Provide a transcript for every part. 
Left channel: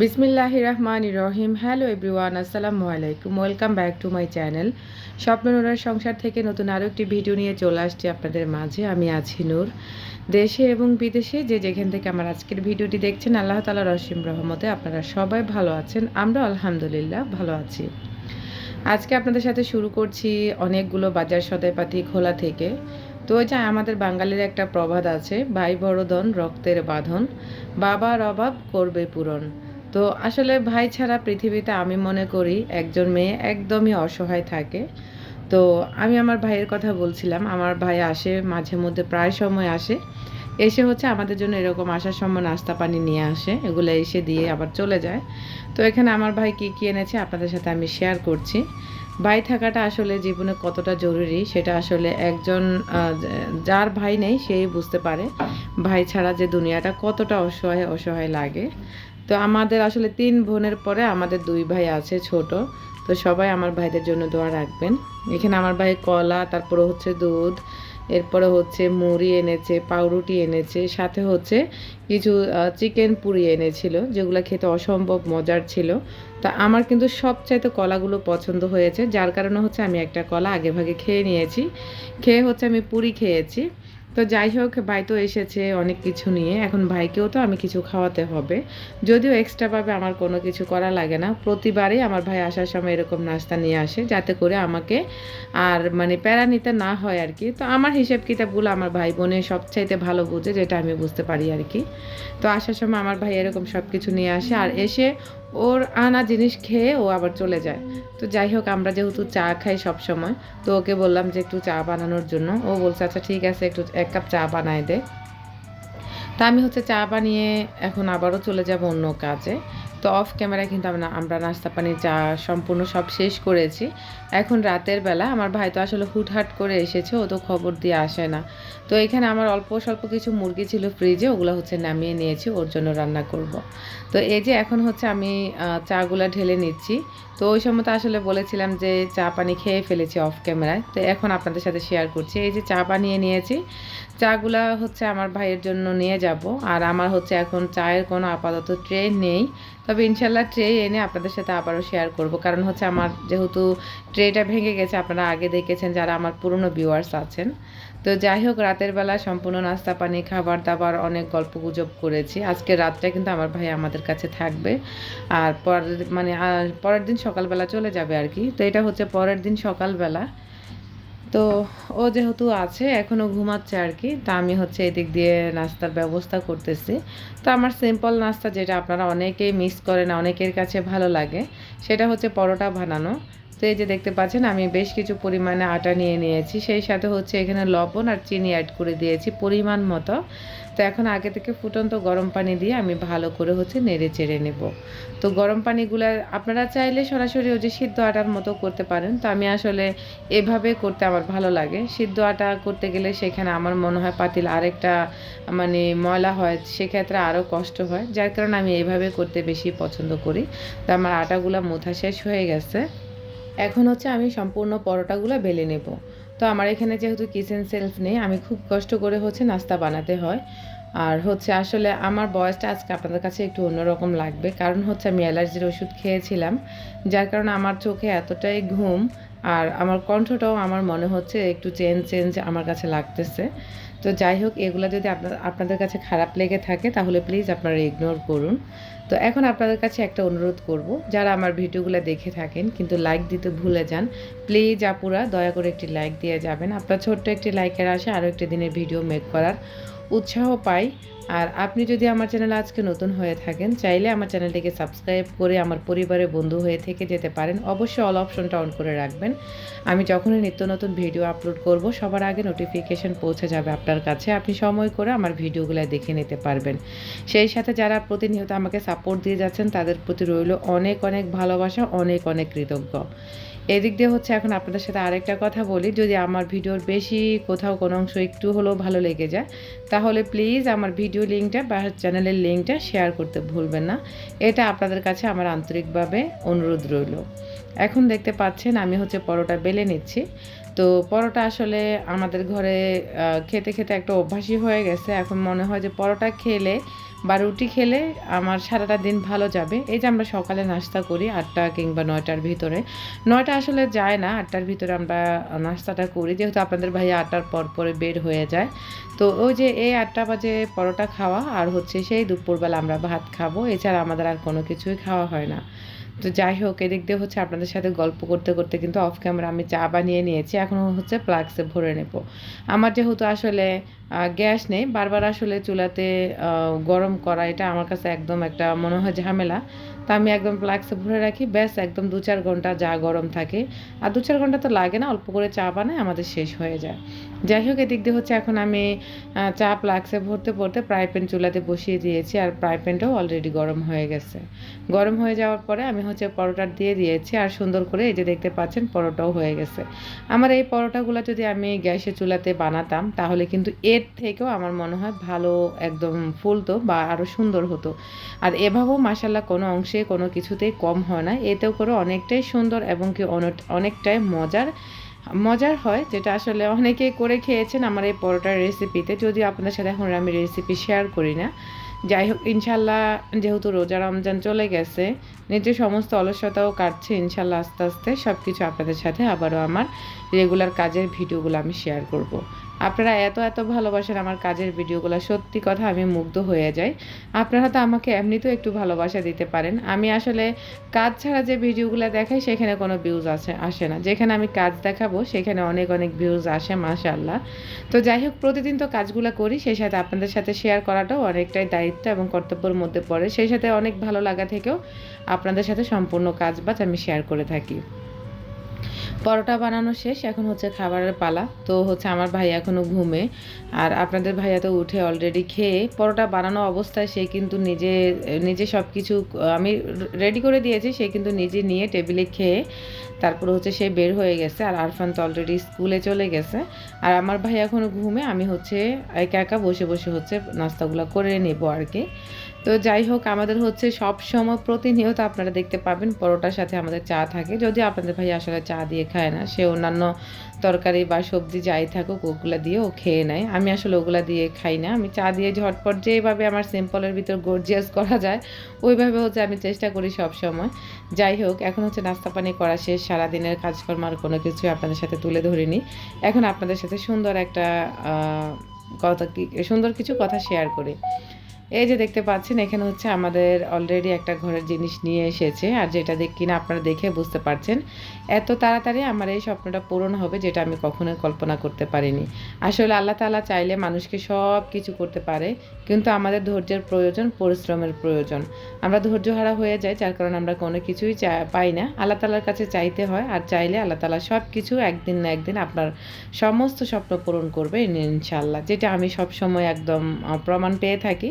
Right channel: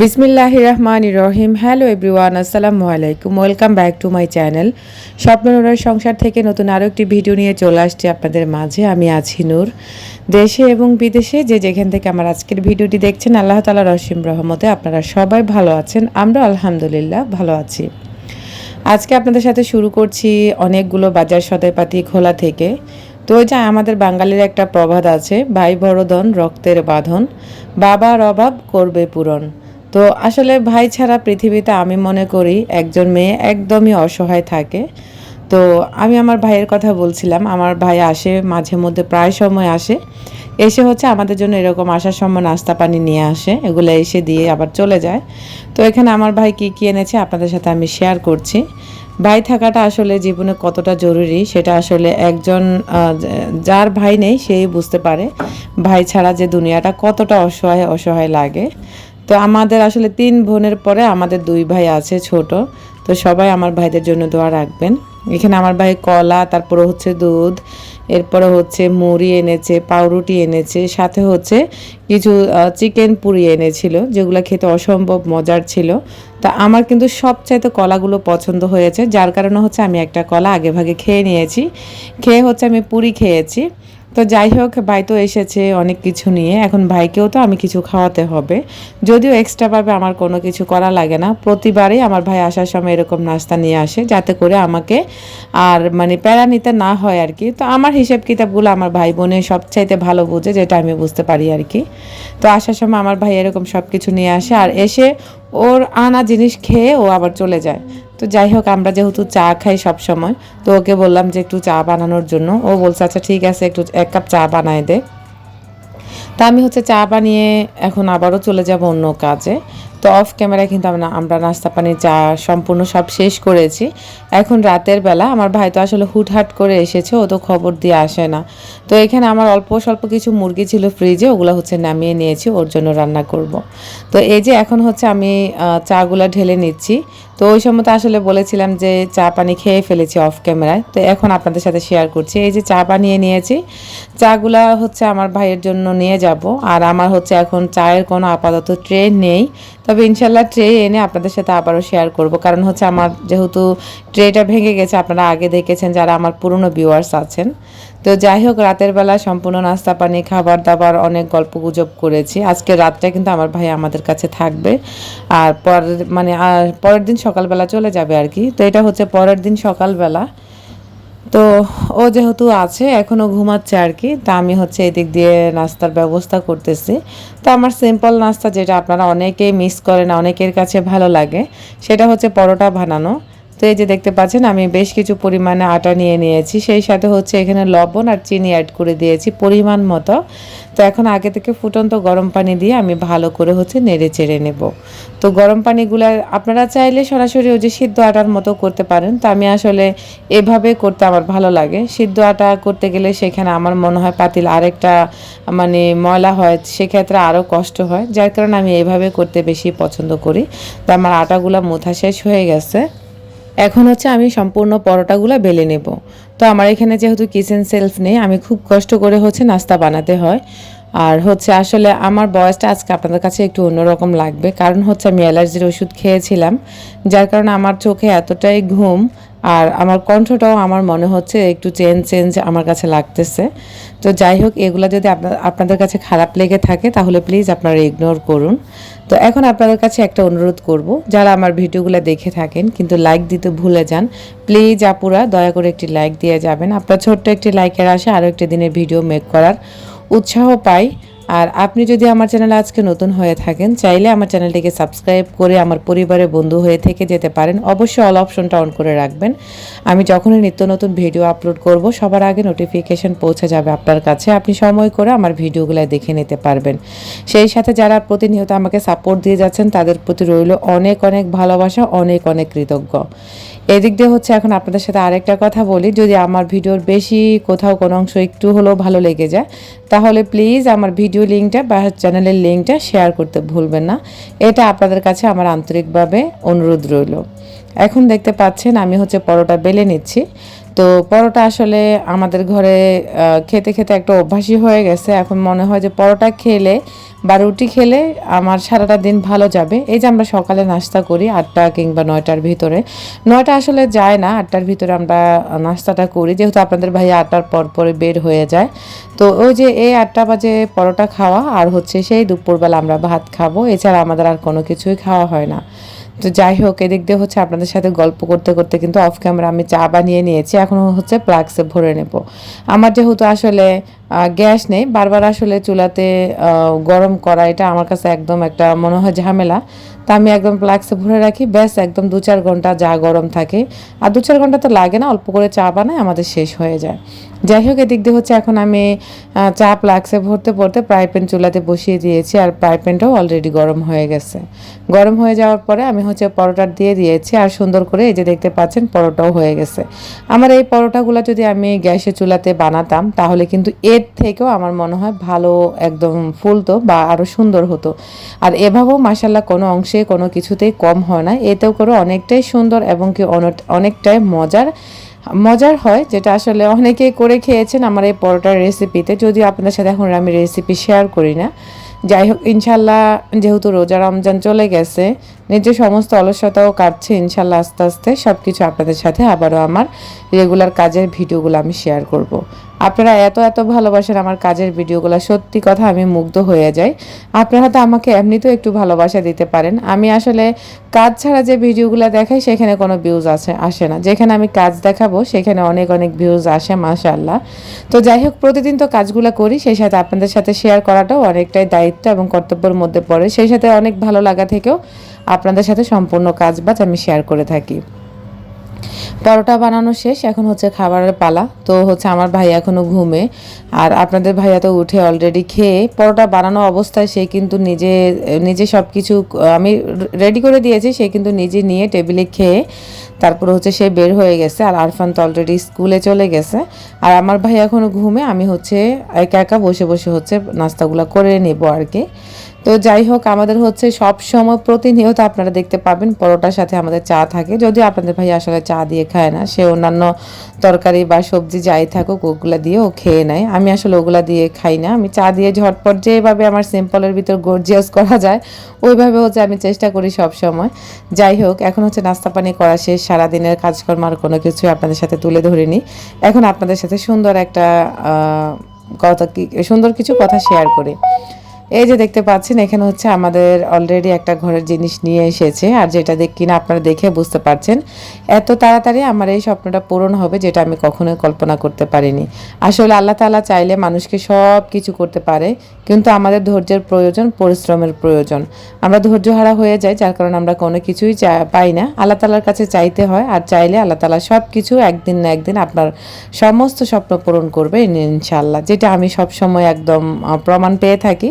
বিসমিল্লাহ রহমান রহিম hello everyone আসসালামু আলাইকুম। Welcome back to my channel স্বপ্ননুরার সংসার থেকে নতুন আরও একটি ভিডিও নিয়ে চলে আসছি আপনাদের মাঝে। আমি আছি নূর। দেশে এবং বিদেশে যে যেখান থেকে আমার আজকের ভিডিওটি দেখছেন, আল্লাহ তালা রসিম রহমতে আপনারা সবাই ভালো আছেন। আমরা আলহামদুলিল্লাহ ভালো আছি। আজকে আপনাদের সাথে শুরু করছি অনেকগুলো বাজার সদাইপাতি খোলা থেকে। তো ওই যে আমাদের বাঙালির একটা প্রবাদ আছে, ভাই বড়ধন রক্তের বাঁধন। বাবার অভাব করবে পূরণ। তো আসলে ভাই ছাড়া পৃথিবীতে আমি মনে করি একজন মেয়ে একদমই অসহায় থাকে। তো আমি আমার ভাইয়ের কথা বলছিলাম, আমার ভাই আসে, মাঝে মধ্যে প্রায় সময় আসে। এসে হচ্ছে আমাদের জন্য এরকম আসার সময় নাস্তা পানি নিয়ে আসে, এগুলো এসে দিয়ে আবার চলে যায়। তো এখানে আমার ভাই কী কী এনেছে আপনাদের সাথে আমি শেয়ার করছি। ভাই থাকাটা আসলে জীবনে কতটা জরুরি সেটা আসলে একজন যার ভাই নেই, সেই বুঝতে পারে। ভাই ছাড়া যে দুনিয়াটা কতটা অসহায় অসহায় লাগে। তো আমাদের আসলে তিন বোনের পরে আমাদের দুই ভাই আছে ছোট। তো সবাই আমার ভাইদের জন্য দোয়া রাখবেন। এখানে আমার ভাই কলা, তারপরে হচ্ছে দুধ, এরপরে হচ্ছে মুড়ি এনেছে, পাউরুটি এনেছে, সাথে হচ্ছে কিছু চিকেন পুরি এনেছিল, যেগুলো খেতে অসম্ভব মজার ছিল। তা আমার কিন্তু সবচাইতে কলাগুলো পছন্দ হয়েছে। যার কারণে হচ্ছে আমি একটা কলা আগে ভাগে খেয়ে নিয়েছি। খেয়ে হচ্ছে আমি পুরি খেয়েছি। তো যাই হোক, ভাই তো এসেছে অনেক কিছু নিয়ে। এখন ভাইকেও তো আমি কিছু খাওয়াতে হবে। যদিও এক্সট্রাভাবে আমার কোনো কিছু করা লাগে না। প্রতিবারই আমার ভাই আসার সময় এরকম নাস্তা নিয়ে আসে, যাতে করে আমাকে আর মানে প্যারা নিতে না হয় আর কি। তো আমার হিসেব কিতাবগুলো আমার ভাই বোনে সবচাইতে ভালো বুঝে, যেটা আমি বুঝতে পারি আর কি। তো আসার সময় আমার ভাই এরকম সব কিছু নিয়ে আসে আর এসে ওর আনা জিনিস খেয়ে ও আবার চলে যায়। তো যাই হোক, আমরা যেহেতু চা খাই সব সময় তো ওকে বললাম যে একটু চা বানানোর জন্য। ও বলছে আচ্ছা ঠিক আছে, একটু এক কাপ চা বানায় দে। তা আমি হচ্ছে চা বানিয়ে এখন আবারও চলে যাব অন্য কাজে। তো অফ ক্যামেরায় কিন্তু আমরা আমরা নাস্তা পানি চা সম্পূর্ণ সব শেষ করেছি। এখন রাতের বেলা আমার ভাই তো আসলে হুটহাট করে এসেছে, ও তো খবর দিয়ে আসে না। তো এখানে আমার অল্প স্বল্প কিছু মুরগি ছিল ফ্রিজে ওগুলো হচ্ছে নামিয়ে নিয়েছি, ওর জন্য রান্না করব। তো এই যে এখন হচ্ছে আমি চাগুলা ঢেলে নিচ্ছি। তো ওই সময় তো আসলে বলেছিলাম যে চা পানি খেয়ে ফেলেছি অফ ক্যামেরায় তো এখন আপনাদের সাথে শেয়ার করছি। এই যে চা বানিয়ে নিয়েছি চাগুলা হচ্ছে আমার ভাইয়ের জন্য নিয়ে যাব। আর আমার হচ্ছে এখন চায়ের কোনো আপাতত ট্রে নেই। তবে ইনশাল্লাহ ট্রে এনে আপনাদের সাথে আবারও শেয়ার করব। কারণ হচ্ছে আমার যেহেতু ট্রেটা ভেঙে গেছে, আপনারা আগে দেখেছেন যারা আমার পুরনো ভিউয়ার্স আছেন। তো যাই হোক, রাতের বেলা সম্পূর্ণ নাস্তা, পানি, খাবার দাবার অনেক গল্প গুজব করেছি। আজকে রাতটা কিন্তু আমার ভাই আমাদের কাছে থাকবে। আর পরের মানে পরের দিন সকালবেলা চলে যাবে আর কি। তো এটা হচ্ছে পরের দিন সকালবেলা। তো ও যেহেতু আছে এখনও ঘুমাচ্ছে আর কি, তা আমি হচ্ছে এদিক দিয়ে নাস্তার ব্যবস্থা করতেছি। তা আমার সিম্পল নাস্তা যেটা আপনারা অনেকেই মিস করেন, অনেকের কাছে ভালো লাগে, সেটা হচ্ছে পরোটা বানানো। তো এই যে দেখতে পাচ্ছেন, আমি বেশ কিছু পরিমাণে আটা নিয়ে নিয়েছি, সেই সাথে হচ্ছে এখানে লবণ আর চিনি অ্যাড করে দিয়েছি পরিমাণ মতো। তো এখন আগে থেকে ফুটন্ত গরম পানি দিয়ে আমি ভালো করে হচ্ছে নেড়ে চেড়ে নেব। তো গরম পানিগুলো আপনারা চাইলে সরাসরি ওই যে সিদ্ধ আটার মতো করতে পারেন। তো আমি আসলে এভাবে করতে আমার ভালো লাগে। সিদ্ধ আটা করতে গেলে সেখানে আমার মনে হয় পাতিল আরেকটা মানে ময়লা হয়, সেক্ষেত্রে আরও কষ্ট হয়। যার কারণে আমি এভাবে করতে বেশি পছন্দ করি। তো আমার আটাগুলো মোথা শেষ হয়ে গেছে। এখন হচ্ছে আমি সম্পূর্ণ পরোটাগুলো বেলে নেব। তো আমার এখানে যেহেতু কিচেন সেলফ নেই, আমি খুব কষ্ট করে হচ্ছে নাস্তা বানাতে হয়। আর হচ্ছে আসলে আমার বয়সটা আজকে আপনাদের কাছে একটু অন্যরকম লাগবে, কারণ হচ্ছে আমি অ্যালার্জির ওষুধ খেয়েছিলাম, যার কারণে আমার চোখে এতটাই ঘুম আর আমার কণ্ঠটাও আমার মনে হচ্ছে একটু চেঞ্জ চেঞ্জ আমার কাছে লাগতেছে। তো যাই হোক, এগুলো যদি আপনাদের কাছে খারাপ লেগে থাকে, তাহলে প্লিজ আপনারা ইগনোর করুন। তো এখন আপনাদের কাছে একটা অনুরোধ করব, যারা আমার ভিডিওগুলো দেখে থাকেন, কিন্তু লাইক দিতে ভুলে যান প্লিজ আপুরা, দয়া করে একটি লাইক দিয়ে যাবেন। আপনার ছোট্ট একটি লাইকের আসে আরও একটি দিনের ভিডিও মেক করার উৎসাহ পাই। আর আপনি যদি আমার চ্যানেলে আজকে নতুন হয়ে থাকেন, চাইলে আমার চ্যানেলটিকে সাবস্ক্রাইব করে আমার পরিবারের বন্ধু হয়ে থেকে যেতে পারেন। অবশ্যই অল অপশনটা অন করে রাখবেন। আমি যখনই নিত্য নতুন ভিডিও আপলোড করব, সবার আগে নোটিফিকেশন পৌঁছে যাবে আপনার কাছে। আপনি সময় করে আমার ভিডিওগুলো দেখে নিতে পারবেন। সেই সাথে যারা প্রতিনিয়ত আমাকে সাপোর্ট দিয়ে যাচ্ছেন, তাদের প্রতি রইল অনেক অনেক ভালোবাসা, অনেক অনেক কৃতজ্ঞ। এদিক দিয়ে হচ্ছে এখন আপনাদের সাথে আরেকটা কথা বলি। যদি আমার ভিডিওর বেশি কোথাও কোনো অংশ একটু হলেও ভালো লেগে যায়, তাহলে প্লিজ আমার ভিডিও লিঙ্কটা বা চ্যানেলের লিঙ্কটা শেয়ার করতে ভুলবেন না। এটা আপনাদের কাছে আমার আন্তরিকভাবে অনুরোধ রইল। এখন দেখতে পাচ্ছেন আমি হচ্ছে পরোটা বেলে নিচ্ছি। তো পরোটা আসলে আমাদের ঘরে খেতে খেতে একটা অভ্যাসই হয়ে গেছে। এখন মনে হয় যে পরোটা খেলে বা রুটি খেলে আমার সারাটা দিন ভালো যাবে। এই যে আমরা সকালে নাস্তা করি আটটা কিংবা নয়টার ভিতরে। নয়টা আসলে যায় না, আটটার ভিতরে আমরা নাস্তাটা করি। যেহেতু আপনাদের ভাই আটটার পর পরে বের হয়ে যায়। তো ওই যে এই আটটা বাজে পরোটা খাওয়া, আর হচ্ছে সেই দুপুরবেলা আমরা ভাত খাব। এছাড়া আমাদের আর কোনো কিছুই খাওয়া হয় না। তো যাই হোক, এদিক দিয়ে হচ্ছে আপনাদের সাথে গল্প করতে করতে কিন্তু অফ ক্যামেরা আমি চা বানিয়ে নিয়েছি, এখন হচ্ছে প্লাক্সে ভরে নেব। আমার যেহেতু আসলে গ্যাস নেই, বারবার আসলে চুলাতে গরম করা এটা আমার কাছে একদম একটা মনে হয় ঝামেলা। তা আমি একদম প্লাক্সে ভরে রাখি, ব্যাস একদম দু চার ঘণ্টা যা গরম থাকে। আর দু চার ঘণ্টা তো লাগে না, অল্প করে চা বানায় আমাদের শেষ হয়ে যায়। যাই হোক, এদিক দিয়ে হচ্ছে এখন আমি চা প্লাক্সে ভরতে ভরতে ফ্রাই প্যান চুলাতে বসিয়ে দিয়েছি আর ফ্রাই প্যানটাও অলরেডি গরম হয়ে গেছে। গরম হয়ে যাওয়ার পরে আমি হচ্ছে পরোটা দিয়ে দিয়েছি আর সুন্দর করে এই যে দেখতে পাচ্ছেন পরোটাও হয়ে গেছে। আমার এই পরোটাগুলো যদি আমি গ্যাসে চুলাতে বানাতাম, তাহলে কিন্তু এর থেকেও আমার মনে হয় ভালো একদম ফুলতো বা আরও সুন্দর হতো। আর এভাবেও মাসাল্লাহ কোনো অংশে কোনো কিছুতেই কম হয় না। এতেও করে অনেকটাই সুন্দর এবং কি অনেকটাই মজার মজার হয়, যেটা আসলে অনেকেই করে খেয়েছেন আমার এই পরোটার রেসিপিতে যদিও আপনার সাথে এখন আমি রেসিপি শেয়ার করি না যাই হোক, ইনশাল্লাহ যেহেতু রোজা রমজান চলে গেছে নিজের সমস্ত অলসতাও কাটছে, ইনশাল্লাহ আস্তে আস্তে সব কিছু আপনাদের সাথে আবারও আমার রেগুলার কাজের ভিডিওগুলো আমি শেয়ার করব। আপনারা এত এত ভালোবাসেন আমার কাজের ভিডিওগুলো, সত্যি কথা আমি মুগ্ধ হয়ে যাই। আপনারা হয়তো আমাকে এমনিতেও একটু ভালোবাসা দিতে পারেন। আমি আসলে কাজ ছাড়া যে ভিডিওগুলো দেখাই, সেখানে কোনো ভিউজ আসে আসে না। যেখানে আমি কাজ দেখাবো, সেখানে অনেক অনেক ভিউজ আসে, মাশাআল্লাহ। তো যাই হোক, প্রতিদিন তো কাজগুলো করি, সেই সাথে আপনাদের সাথে শেয়ার করাটাও অনেকটাই দায়িত্ব এবং কর্তব্যের মধ্যে পড়ে। সেই সাথে অনেক ভালো লাগা থেকেও আপনাদের সাথে সম্পূর্ণ কাজ বাজ আমি শেয়ার করে থাকি। পরোটা বানানো শেষ, এখন হচ্ছে খাবারের পালা। তো হচ্ছে আমার ভাই এখনও ঘুমে। আর আপনাদের ভাইয়া তো উঠে অলরেডি খেয়ে পরোটা বানানো অবস্থায় সে কিন্তু নিজে নিজে সব কিছু আমি রেডি করে দিয়েছি, সে কিন্তু নিজে নিয়ে টেবিলে খেয়ে তারপর হচ্ছে সে বের হয়ে গেছে। আর আরফান তো অলরেডি স্কুলে চলে গেছে। আর আমার ভাই এখনও ঘুমে, আমি হচ্ছে একা একা বসে বসে হচ্ছে নাস্তাগুলো করে নেব আর কি। তো যাই হোক, আমাদের হচ্ছে সব সময় প্রতিনিয়ত আপনারা দেখতে পাবেন, পরোটার সাথে আমাদের চা থাকে। যদিও আপনাদের ভাই আসলে চা দিয়ে খায় না, সে অন্যান্য তরকারি বা সবজি যাই থাকুক, ওগুলা দিয়েও খেয়ে নেয়। আমি আসলে ওগুলা দিয়ে খাই না। আমি চা দিয়ে ঝটপট যেভাবে আমার সিম্পলের ভিতর গর্জিয়াস করা যায় ওইভাবে হচ্ছে আমি চেষ্টা করি সব সময়। যাই হোক, এখন হচ্ছে নাস্তা পানি করা শেষ। সারাদিনের কাজকর্ম আর কোনো কিছু আপনাদের সাথে তুলে ধরিনি। এখন আপনাদের সাথে সুন্দর একটা কথা সুন্দর কিছু কথা শেয়ার করি। এই যে দেখতে পাচ্ছেন, এখানে হচ্ছে আমাদের অলরেডি একটা ঘরের জিনিস নিয়ে এসেছে। আর যেটা দেখ, কিনা আপনারা দেখে বুঝতে পারছেন, এত তাড়াতাড়ি আমার এই স্বপ্নটা পূরণ হবে যেটা আমি কখনোই কল্পনা করতে পারিনি। আসলে আল্লাহ তাআলা চাইলে মানুষকে সব কিছু করতে পারে, কিন্তু আমাদের ধৈর্যের প্রয়োজন, পরিশ্রমের প্রয়োজন। আমরা ধৈর্যহারা হয়ে যাই, যার কারণে আমরা কোনো কিছুই পাই না। আল্লাহ তালার কাছে চাইতে হয়, আর চাইলে আল্লাহ তালা সব কিছু একদিন না একদিন আপনার সমস্ত স্বপ্ন পূরণ করবে ইনশাল্লাহ যেটা আমি সব সময় একদম প্রমাণ পেয়ে থাকি।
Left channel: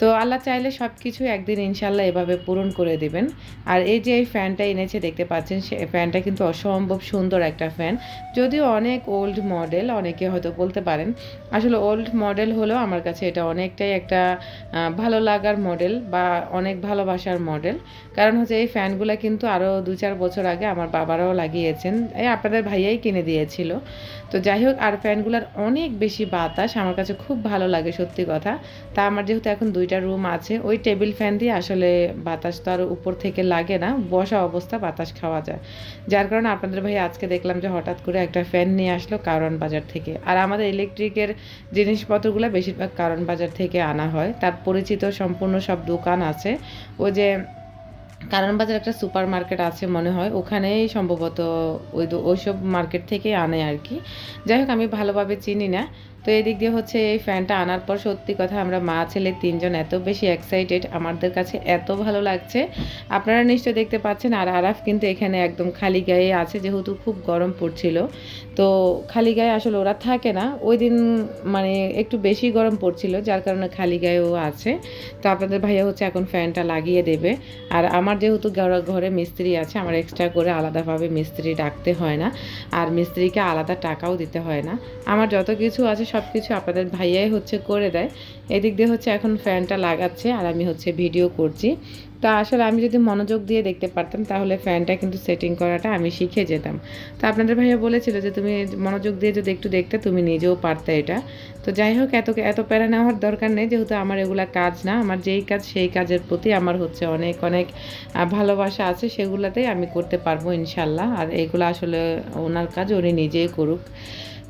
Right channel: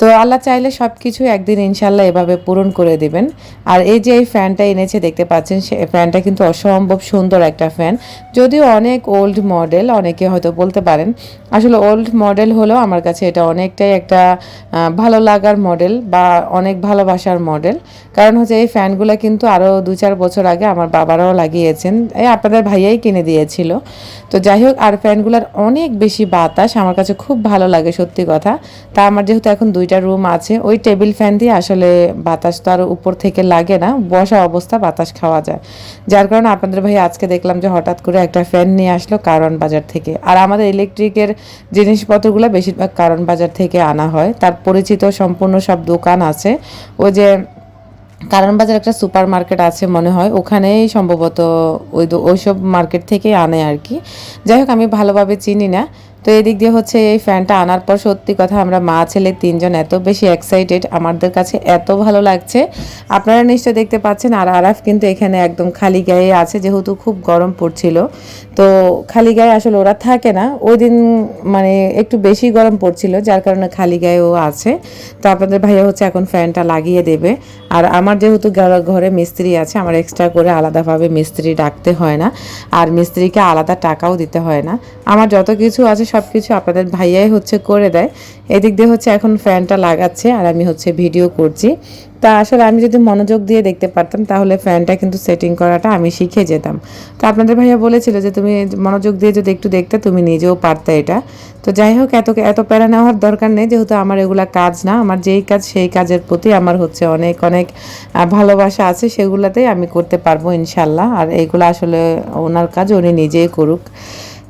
তো আল্লাহ চাইলে সব কিছু একদিন ইনশাল্লাহ এভাবে পূরণ করে দিবেন। আর এই যে এই ফ্যানটা এনেছে, দেখতে পাচ্ছেন, সে ফ্যানটা কিন্তু অসম্ভব সুন্দর একটা ফ্যান। যদিও অনেক ওল্ড মডেল অনেকে হয়তো বলতে পারেন, আসলে ওল্ড মডেল হলেও আমার কাছে এটা অনেকটাই একটা ভালো লাগার মডেল বা অনেক ভালোবাসার মডেল কারণ হচ্ছে এই ফ্যানগুলো কিন্তু আরও দু চার বছর আগে আমার বাবারাও লাগিয়েছেন। এই আপনাদের ভাইয়াই কিনে দিয়েছিল। তো যাই হোক, আর ফ্যানগুলোর অনেক বেশি বাতাস আমার কাছে খুব ভালো লাগে, সত্যি কথা। তা আমার যেহেতু এখন দুইটা রুম আছে, ওই টেবিল ফ্যান দিয়ে আসলে বাতাস তো আর উপর থেকে লাগে না, বসা অবস্থা বাতাস খাওয়া যায়। যার কারণে আপনাদের ভাই আজকে দেখলাম যে হঠাৎ করে একটা ফ্যান নিয়ে আসলো কারণ বাজার থেকে। আর আমাদের ইলেকট্রিকের জিনিসপত্রগুলো বেশিরভাগ কারণ বাজার থেকে আনা হয়। তার পরিচিত সম্পূর্ণ সব দোকান আছে। ওই যে কারণ বাজার একটা সুপার মার্কেট আছে মনে হয়, ওখানেই সম্ভবত ওই ওইসব মার্কেট থেকে আনে আর কি। যাই হোক, আমি ভালোভাবে চিনি না। তো এদিক দিয়ে হচ্ছে এই ফ্যানটা আনার পর সত্যি কথা আমরা মা, ছেলে তিনজন এত বেশি এক্সাইটেড আমাদের কাছে এত ভালো লাগছে। আপনারা নিশ্চয় দেখতে পাচ্ছেন আর আরাফ কিন্তু এখানে একদম খালি গায়ে আছে, যেহেতু খুব গরম পড়ছিল। তো খালি গায়ে আসলে ওরা থাকে না। ওই দিন মানে একটু বেশি গরম পড়ছিল, যার কারণে খালি গায়ে ও আছে। তো আপনাদের ভাইয়া হচ্ছে এখন ফ্যানটা লাগিয়ে দেবে। আর আমার যেহেতু ঘরে মিস্ত্রি আছে, আমার এক্সট্রা করে আলাদাভাবে মিস্ত্রি ডাকতে হয় না। আর মিস্ত্রিকে আলাদা টাকাও দিতে হয় না। আমার যত কিছু আছে সব কিছু আপনাদের ভাইয়াই হচ্ছে করে দেয়। এদিক দিয়ে হচ্ছে এখন ফ্যানটা লাগাচ্ছে আর আমি হচ্ছে ভিডিও করছি। তা আসলে আমি যদি মনোযোগ দিয়ে দেখতে পারতাম তাহলে ফ্যানটা কিন্তু সেটিং করাটা আমি শিখে যেতাম। তো আপনাদের ভাইয়া বলেছিল যে তুমি মনোযোগ দিয়ে যদি একটু দেখতে তুমি নিজেও পারতে এটা। তো যাই হোক, এত এত প্যারা নেওয়ার দরকার নেই, যেহেতু আমার এগুলা কাজ না, আমার যেই কাজ সেই কাজের প্রতি আমার হচ্ছে অনেক অনেক ভালোবাসা আছে সেগুলাতেই আমি করতে পারব ইনশাল্লাহ। আর এইগুলো আসলে ওনার কাজ, উনি নিজেই করুক।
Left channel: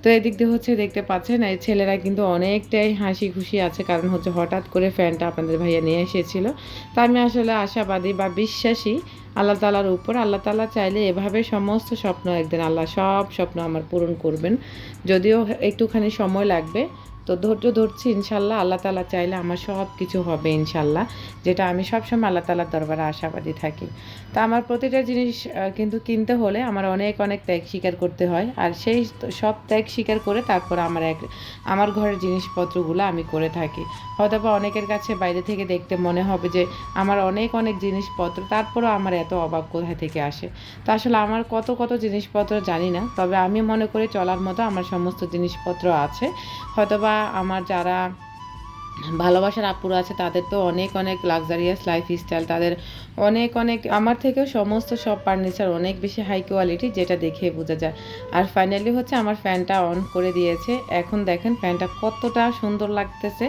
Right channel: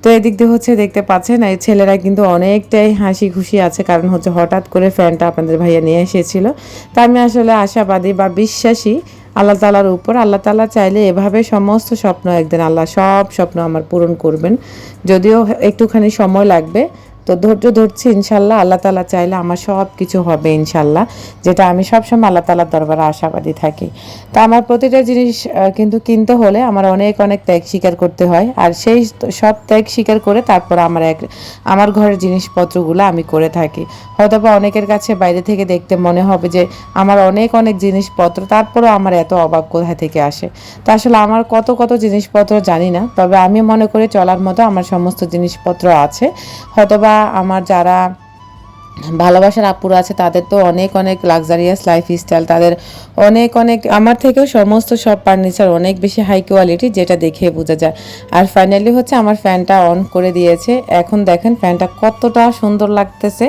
তো এদিক দিয়ে হচ্ছে দেখতে পাচ্ছেন, এই ছেলেরা কিন্তু অনেকটাই হাসি খুশি আছে। কারণ হচ্ছে হঠাৎ করে ফ্যানটা আপনাদের ভাইয়া নিয়ে এসেছিল। তা আমি আসলে আশাবাদী বা বিশ্বাসী আল্লাহ তালার উপর। আল্লাহ তালা চাইলে এভাবে সমস্ত স্বপ্ন একদিন আল্লাহ সব স্বপ্ন আমার পূরণ করবেন। যদিও একটুখানি সময় লাগবে তো ধৈর্য ধরছি, ইনশাল্লাহ আল্লাহ তালা চাইলে আমার সব কিছু হবে, ইনশাল্লাহ, যেটা আমি সবসময় আল্লাহ তালার দরবারে আশাবাদী থাকি। তা আমার প্রতিটা জিনিস কিন্তু কিনতে হলে আমার অনেক অনেক ত্যাগ স্বীকার করতে হয়, আর সেই সব ত্যাগ স্বীকার করে তারপর আমার এক, আমার ঘরের জিনিসপত্রগুলো আমি করে থাকি। হয়তো বা অনেকের কাছে বাইরে থেকে দেখতে মনে হবে যে আমার অনেক অনেক জিনিসপত্র, তারপরেও আমার এত অবাক কোথা থেকে আসে? তা আসলে আমার কত কত জিনিসপত্র জানি না, তবে আমি মনে করি চলার মতো আমার সমস্ত জিনিসপত্র আছে। হয়তোবা আমার যারা ভালোবাসার আপুরা আছে, তাদের তো অনেক অনেক লাক্সারিয়াস লাইফ স্টাইল তাদের অনেক অনেক, আমার থেকেও সমস্ত সব ফার্নিচার অনেক বেশি হাই কোয়ালিটি যেটা দেখে বোঝা যায়। আর ফাইনালি হচ্ছে আমার ফ্যানটা অন করে দিয়েছে। এখন দেখেন ফ্যানটা কতটা সুন্দর লাগতেছে,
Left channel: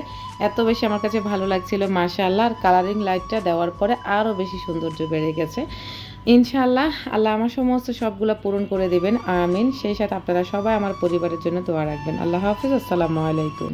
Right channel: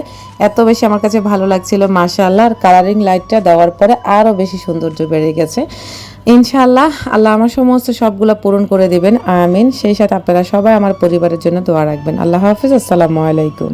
এত বেশি আমার কাছে ভালো লাগছিল, মাশাআল্লাহ। আর কালারিং লাইটটা দেওয়ার পরে আরও বেশি সৌন্দর্য বেড়ে গেছে। ইনশাআল্লাহ আল্লাহ আমার সমস্ত সবগুলো পূরণ করে দেবেন। আমিন। সেই সাথে আপনারা সবাই আমার পরিবারের জন্য দোয়া রাখবেন। আল্লাহ হাফিজ। আসসালামু আলাইকুম।